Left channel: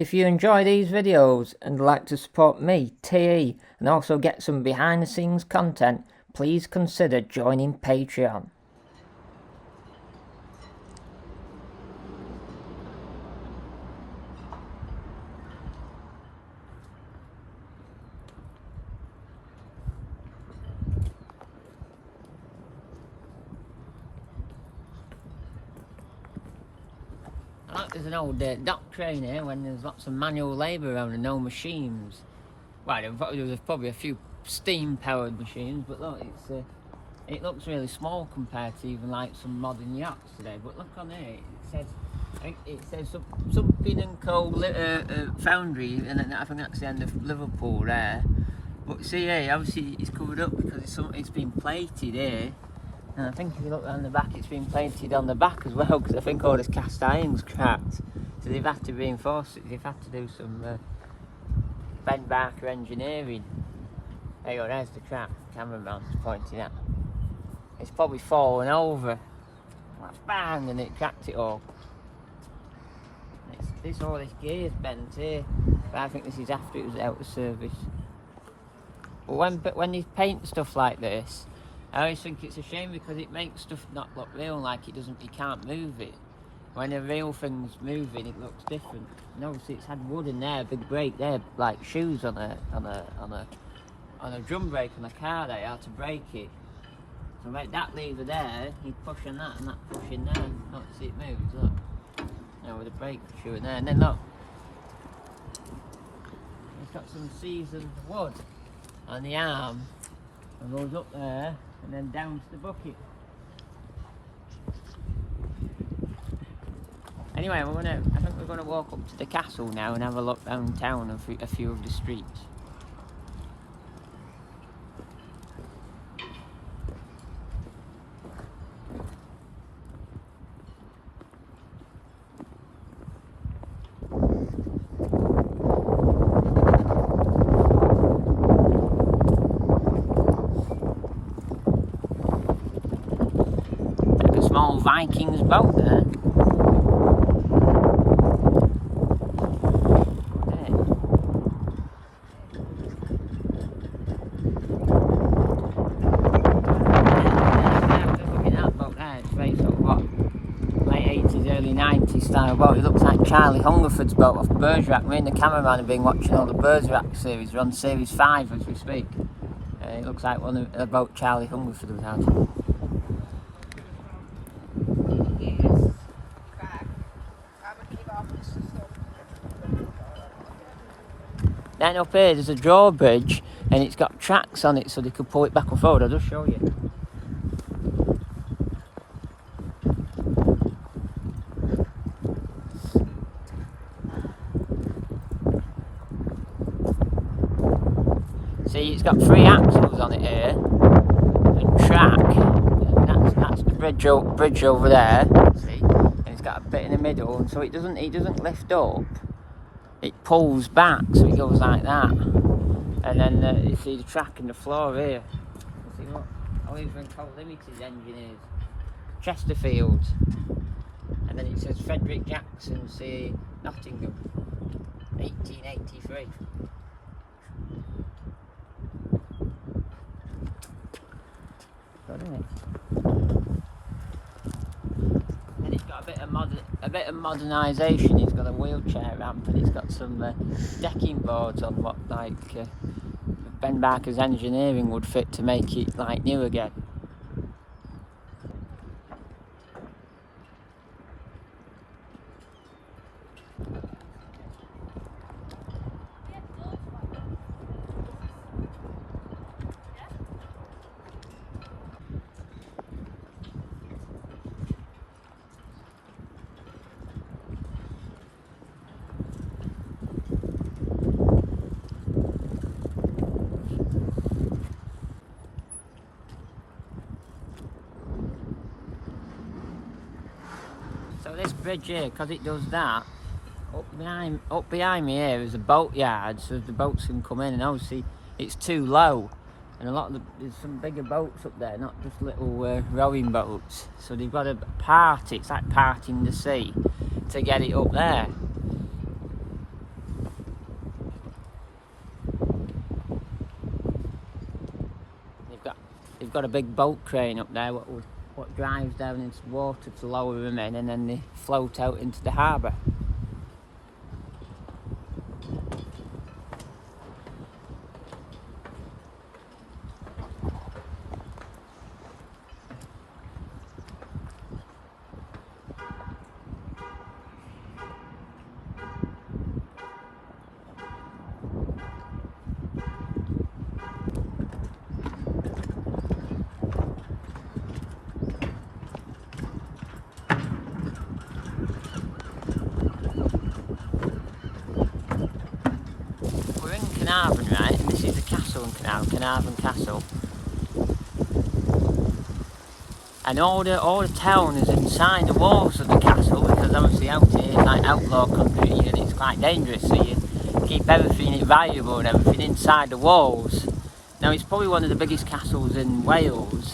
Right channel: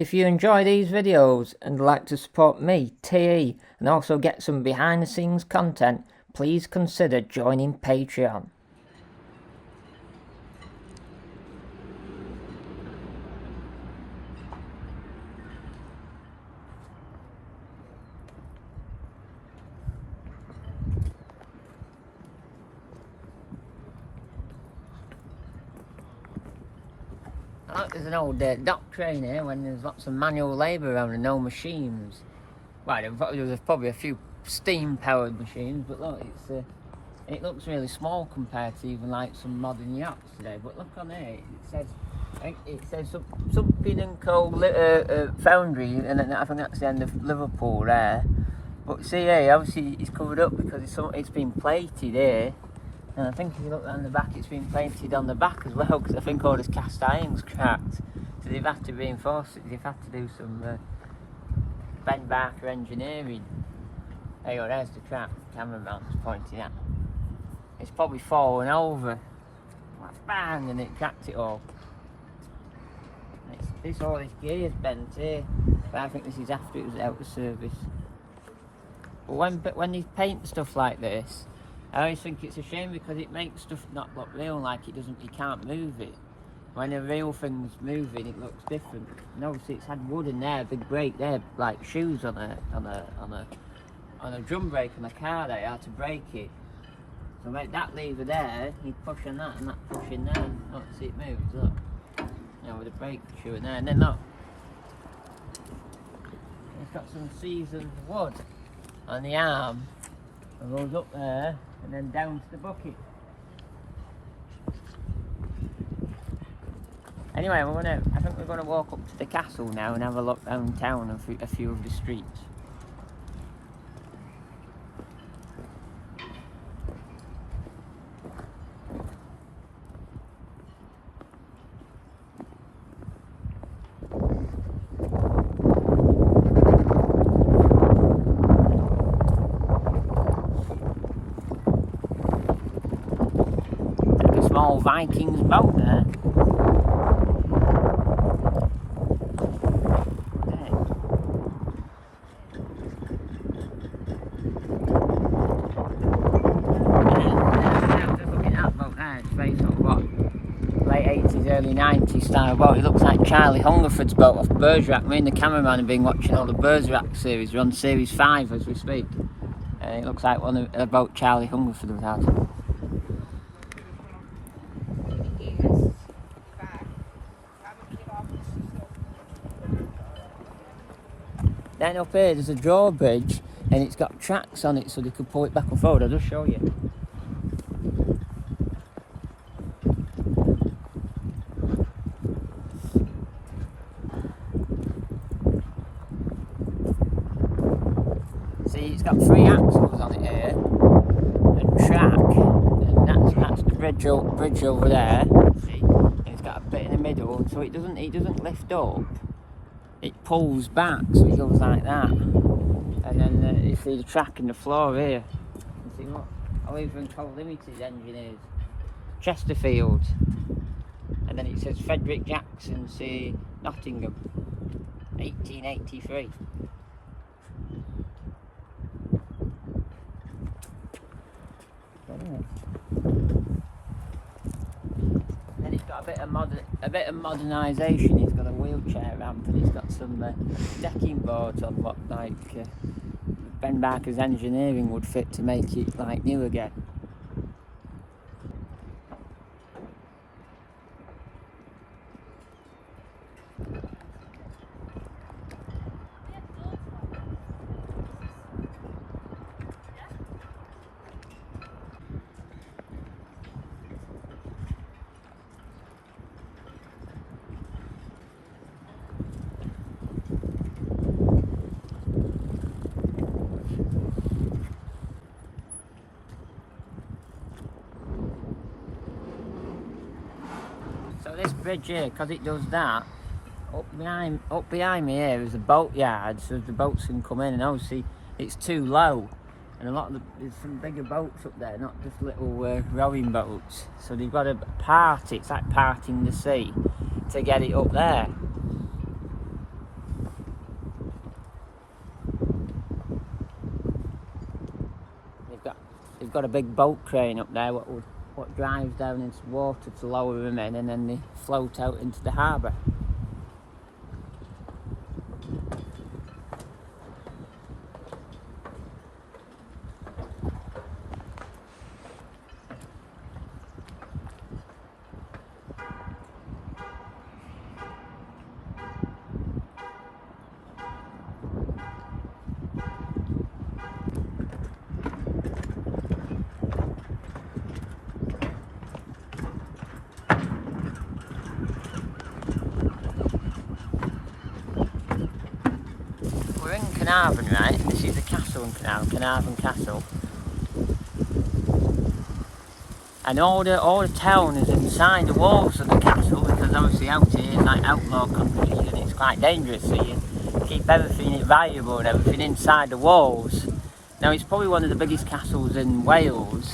If you enjoy these videos and would like to support me, TE, and also get some behind the scenes content, please consider joining Patreon. I like there's an old dock train here when there's lots of manual labour around and no machines. Well, there's probably a few steam-powered machines, but look, it looks really small compared to even like some modern yachts today. But look on here, it says something and Co. Foundry, and then I think that's the end of Liverpool there. But see here, obviously it's covered up because it's been plated here. And I think if you look on the back, it's been plated on the back as well, because I think all this cast iron's cracked. So they've had to reinforce it, they've had to do some Ben Barker engineering. There you go, there's the crack, the cameraman's pointing at. It's probably fallen over. Bang, and it cracked it all. All this gear's bent here, but I think this is after it was out of service. But when you paint stuff like this, I always think it's a shame because it makes stuff not look real, like you can't move it. When a real thing's moving, it looks different. And obviously it's had wood in there, a big brake there, like shoes on a drum brake on a car there, how to brake it. So make that lever there, you push on that and that push in there. Look, see it moves, look. You know, with the brake shoe in there, and then look. It's got some seasoned wood on the arm, and goes up there, and then down to the bucket. Anyway, I think we're gonna walk up to the castle now and have a look down town and a few of the streets. Small Vikings boat there. Looking at that boat there, it's very sort of what, late 80s, early 90s style boat. It looks like Charlie Hungerford's boat off Bergerac. Me and the cameraman have been watching all the Bergerac series. We're on series 5 as we speak. And it looks like one of the boat Charlie Hungerford has had. Then up here there's a drawbridge and it's got tracks on it so they could pull it back and forward. I'll just show you. See, it's got 3 axles on it here and track, and that's the bridge over there. See, and it's got a bit in the middle, so it doesn't lift up. It pulls back, so it goes like that, and then you see the track in the floor here. You see what? I've even called limited engineers, Chesterfield, and then it says Frederick Jackson, say Nottingham, 1883. Got it. And it's got a bit of modernisation. It's got a wheelchair ramp and it's got some decking boards on what Ben Barker's engineering would fit to make it like new again. So this bridge here, because it does that, up behind me here is a boat yard, so the boats can come in, and obviously it's too low, and there's some bigger boats up there, not just little rowing boats. So they've got to part it. It's like parting the sea to get it up there. they've got a big boat crane up there what drives down into the water to lower them in, and then they float out into the harbour. We're in Caernarfon, right, and this is the castle in Caernarfon Castle. And all the town is inside the walls of the castle, because obviously out here, like outlaw country, and it's quite dangerous, so you keep everything valuable and everything inside the walls. Now, it's probably one of the biggest castles in Wales,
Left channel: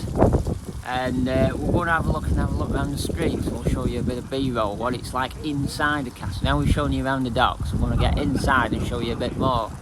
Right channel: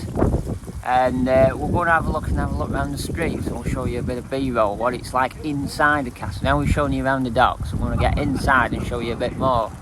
and we're going to have a look around the streets, and we'll show you a bit of B-roll, what it's like inside the castle. Now we're showing you around the docks, so we're going to get inside and show you a bit more.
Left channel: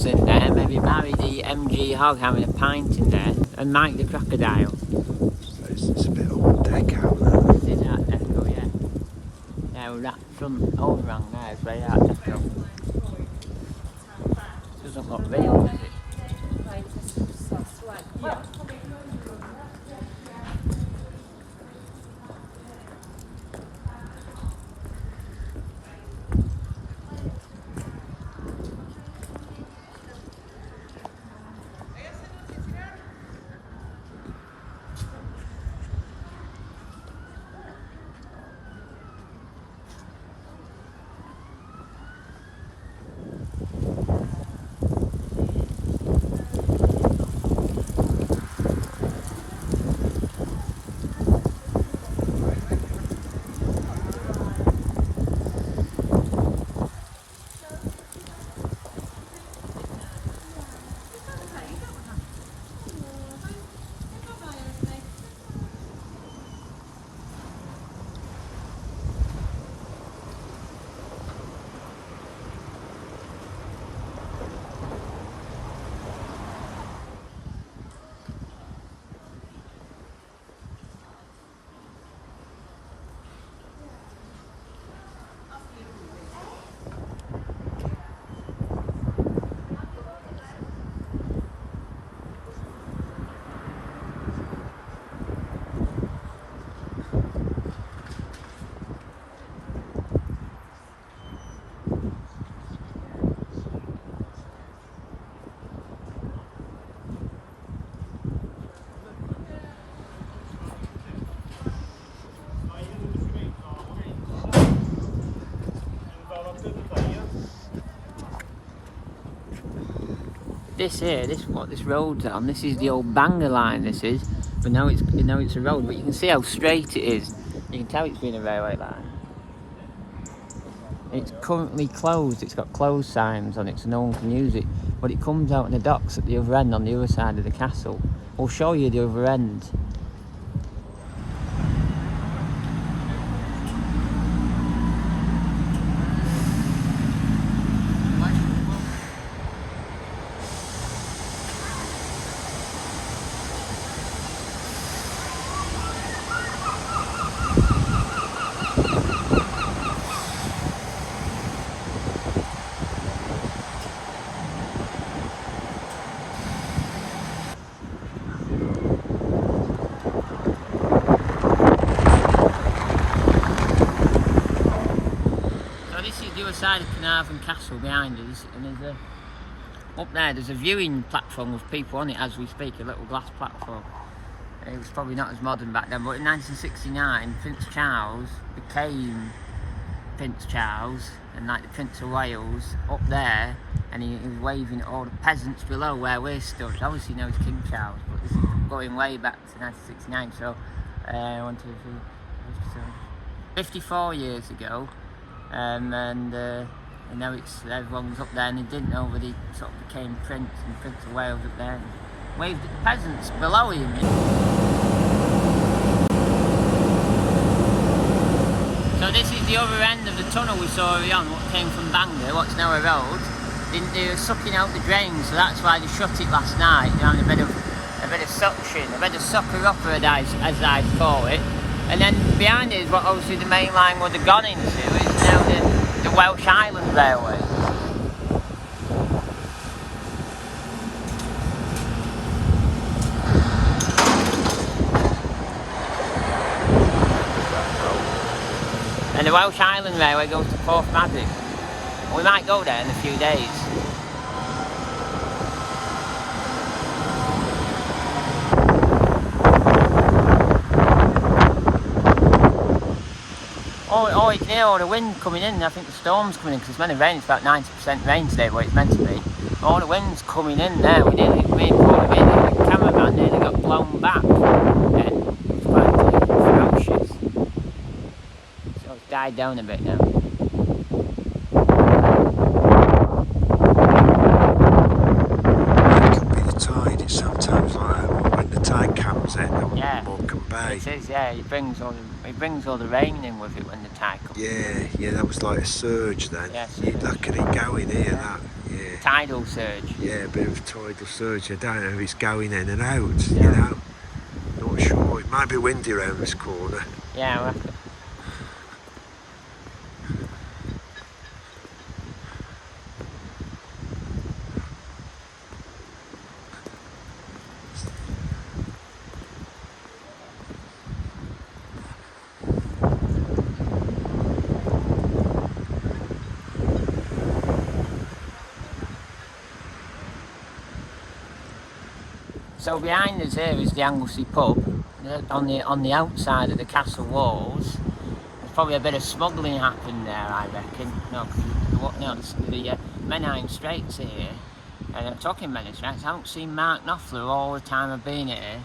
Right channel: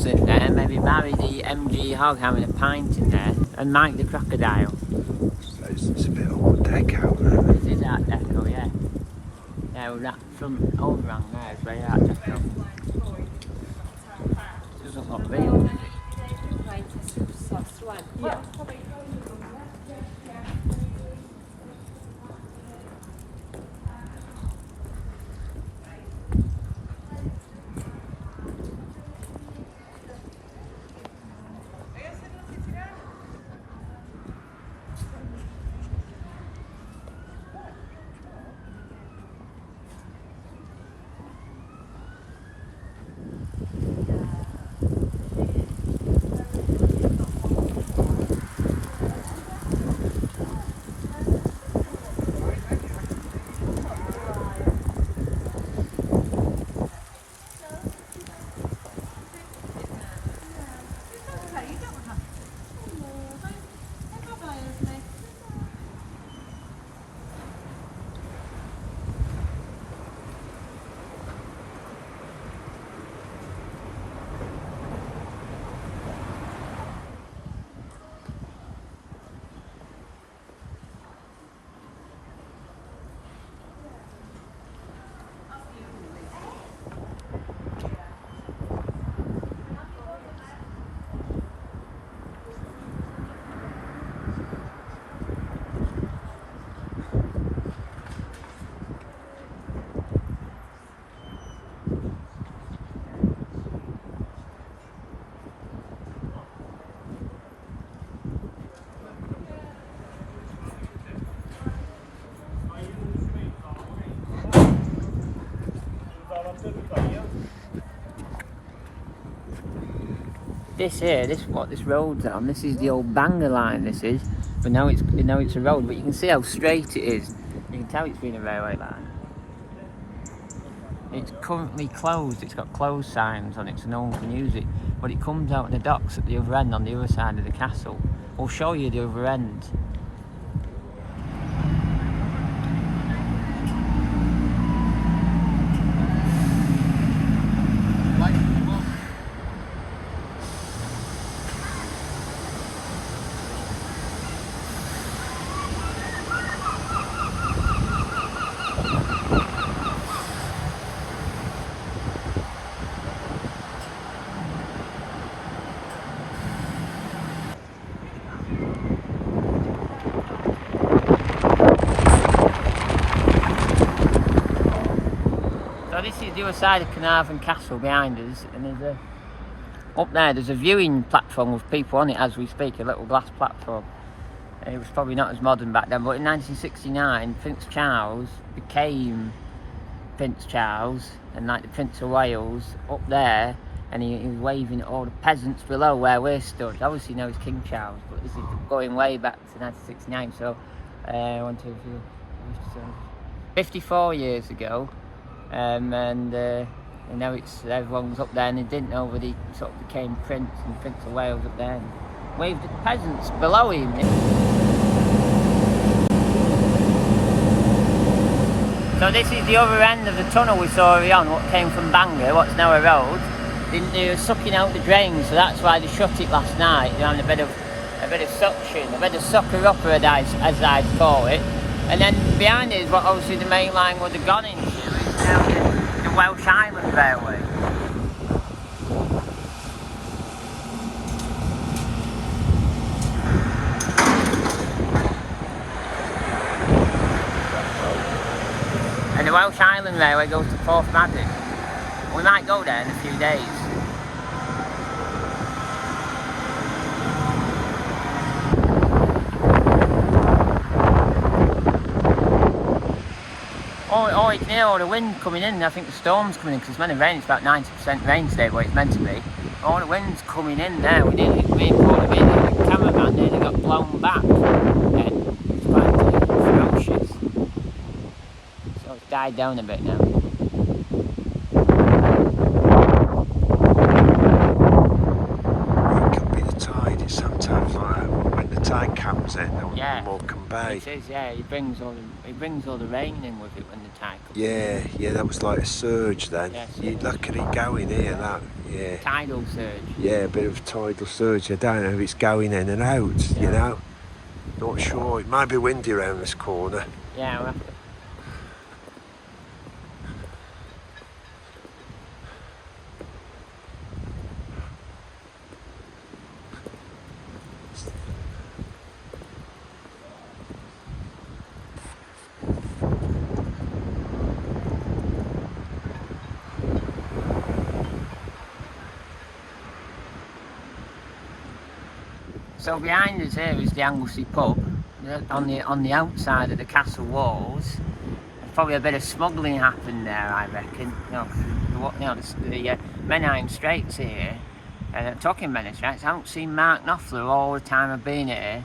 In there, maybe Barry the MG Hog having a pint in there, and Mike the Crocodile. So it's a bit Art Deco, there. It is Art Deco, yeah. Yeah, well, that front overhang there is very Art Deco. Doesn't look real, does it? This what this road's on. This is the old Bangor line. This is, but now it's a road. But you can see how straight it is. You can tell it's been a railway line. It's currently closed. It's got closed signs on it, so no one can use it. But it comes out in the docks at the other end, on the other side of the castle. We'll show you the other end. the other side of Caernarfon Castle behind us, and up there's a viewing platform with people on it as we speak, a little glass platform. It was probably not as modern back then, but in 1969, Prince Charles became Prince Charles, and like the Prince of Wales up there, and he was waving at all the peasants below where we're stood. Obviously, he knows King Charles, but this is going way back to 1969, so 54 years ago, and now everyone's up there, and he didn't know that he sort of became Prince and Prince of Wales up there, and waved at the peasants below him. So this is the other end of the tunnel we saw earlier on, what came from Bangor, what's now a road. They were sucking out the drains, so that's why they shut it last night. They're having a bit of suction, a bit of sucker-upper as I'd call it. And then behind it is what obviously the main line would have gone into, is now the Welsh Island Railway. And the Welsh Island Railway goes to Porthmadog. We might go there in a few days. Oh, it's near all the wind coming in. I think the storm's coming in because it's meant to rain. It's about 90% rain today, what it's meant to be. All the wind's coming in now. We nearly pulled him in, and the cameraman nearly got blown back. And it's quite ferocious. So it's died down a bit now. Sometimes like when the tide comes in on Morecambe Bay. It is, yeah. It brings all the rain in with it when the tide comes in. Yeah, that was like a surge then. Yes. You look at it going here, that, Tidal surge. Yeah, a bit of tidal surge. I don't know if it's going in and out, you know. Not sure. It might be windy around this corner. Yeah, I reckon. So behind us here is the Anglesey pub. On the outside of the castle walls, there's probably a bit of smuggling happened there, I reckon. The Menai Straits here, and I'm talking Menai Straits. I haven't seen Mark Knopfler all the time I've been here.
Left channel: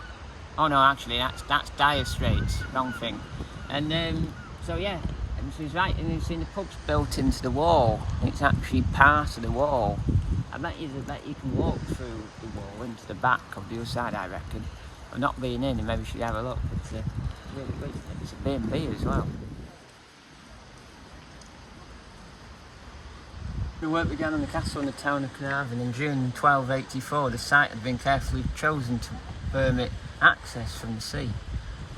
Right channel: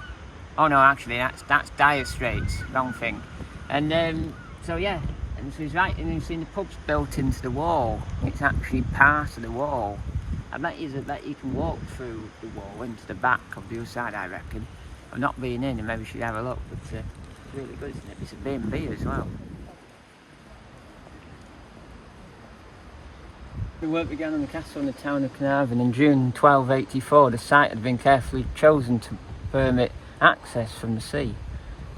Oh no, actually that's Dire Straits, wrong thing. And so yeah, and so he's right, and you've seen the pub's built into the wall. It's actually part of the wall. I bet you can walk through the wall into the back of the other side, I reckon. I've not been in, and maybe you should have a look, but it's really good, isn't it? It's a B&B as well. The work began on the castle in the town of Caernarfon in June 1284. The site had been carefully chosen to permit access from the sea.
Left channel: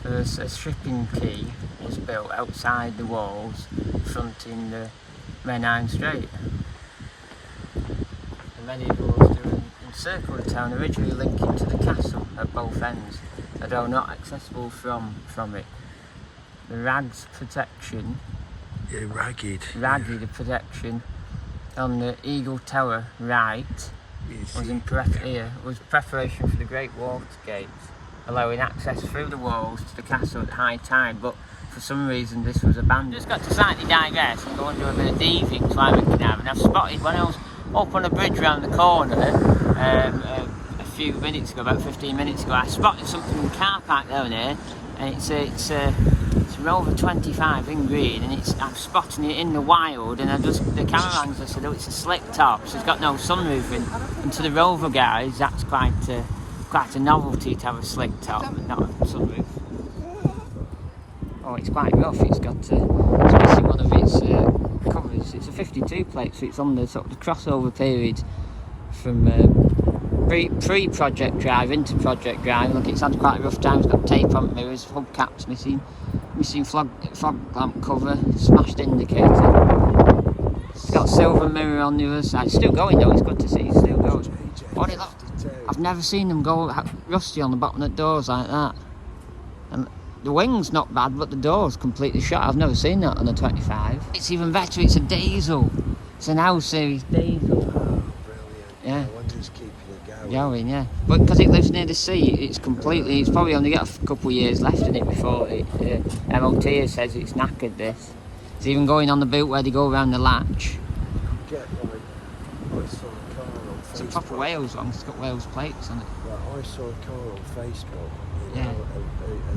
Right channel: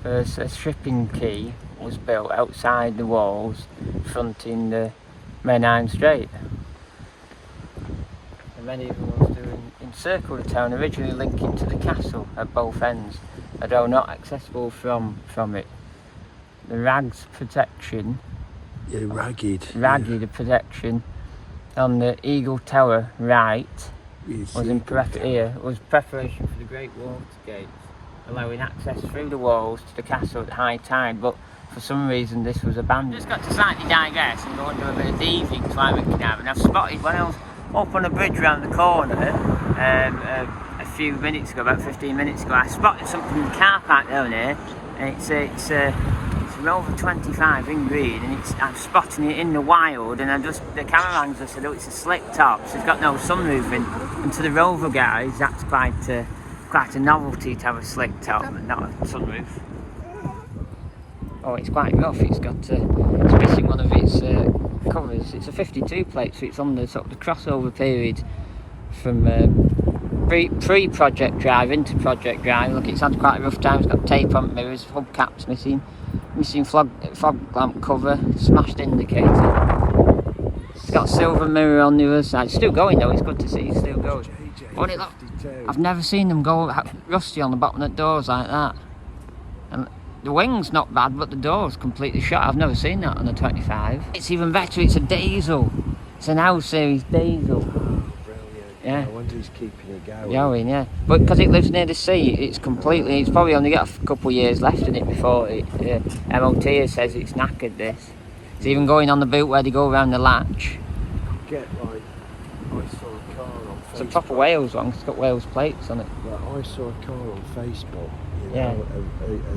A shipping quay was built outside the walls, fronting the Menai Strait. Medieval walls to encircle the town, originally linking to the castle at both ends, although not accessible from it. The ragged protection protection on the Eagle Tower right was preparation for the Great Water Gates, allowing access through the walls to the castle at high tide, but for some reason this was abandoned. Just got to slightly digress and go and do a bit of thieving because I'm in Caernarfon. I've spotted when I was up on a bridge around the corner a few minutes ago, about 15 minutes ago, I spotted something in the car park down here, and it's a Rover 25 in green, and I'm spotting it in the wild, and the cameraman said, oh, it's a slick top, so it's got no sunroof in, and to the Rover guys that's quite a novelty to have a slick top but not a sunroof. Oh, it's quite rough. It's got missing one of its covers. It's a 52 plate, so it's on the sort of the crossover period from pre-project drive into project drive. Look, it's had quite a rough time. It's got tape on mirrors, hubcaps missing fog lamp cover, smashed indicator. It's got a silver mirror on the other side. It's still going though. It's good to see it's still going. I've never seen them go rusty on the bottom of the doors like that. And the wing's not bad, but the door's completely shut. I've never seen that on a 25. It's even better, it's a diesel. It's an L series diesel. Yeah. I wonder who's keeping it Going, yeah. But because it lives near the sea, it's probably only got a couple of years left in it before it. MOT says it's knackered, this. It's even going on the boot where they go around the latch. It's a proper Wales one, it's got Wales plates on it. Yeah, I saw a car on Facebook. Yeah.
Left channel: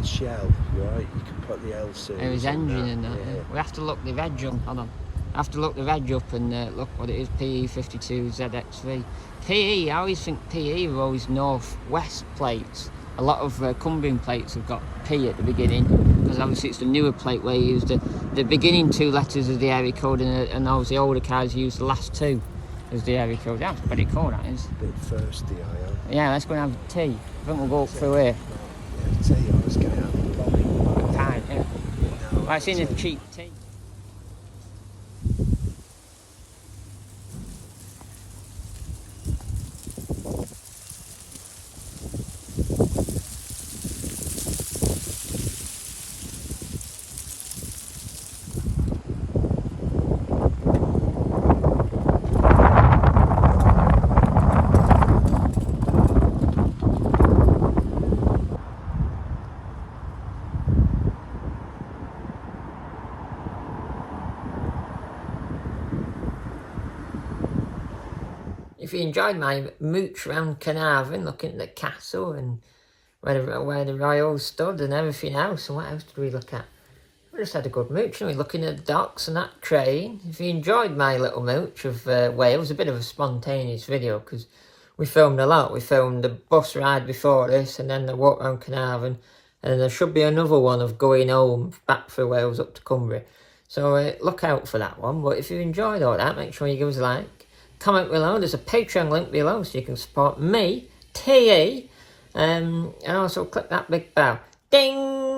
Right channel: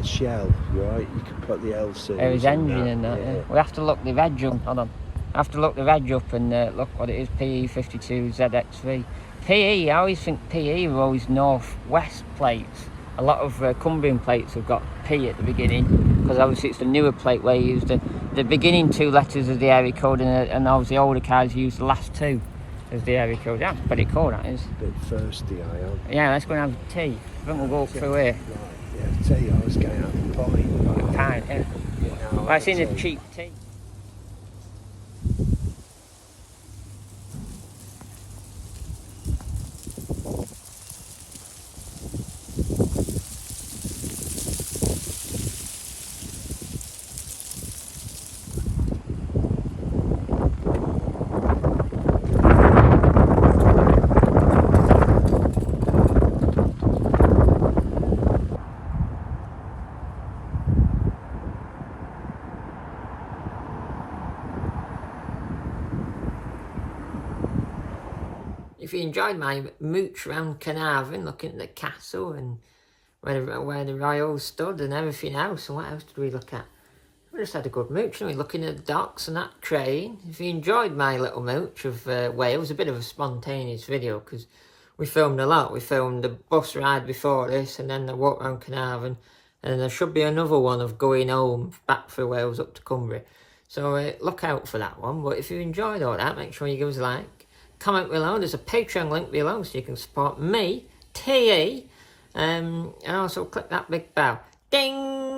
A shell, right? You can put the L series. There is engine in that, yeah. We have to look the reg up, hold on. I have to look the reg up and look what it is, PE52 ZX3. PE, I always think PE are always north-west plates. A lot of Cumbrian plates have got P at the beginning, because obviously it's the newer plate where you use the beginning 2 letters of the area code, and obviously older cars use the last 2 as the area code. That's pretty cool, that is. A bit thirsty, I Yeah, let's go and have tea. I think we'll go up through here. I'll tell you, I was going A pint, yeah. Well, I've seen a cheap tea. If you enjoyed my mooch around Caernarfon, looking at the castle and where the royals stood and everything else, and what else did we look at? We just had a good mooch, didn't we? Looking at the docks and that train. If you enjoyed my little mooch of Wales, a bit of a spontaneous video because we filmed a lot. We filmed the bus ride before this, and then the walk around Caernarfon, and then there should be another one of going home back through Wales up to Cumbria. So look out for that one. But if you enjoyed all that, make sure you give us a like. Comment below, there's a Patreon link below so you can support me, TE, and also click that big bell. Ding!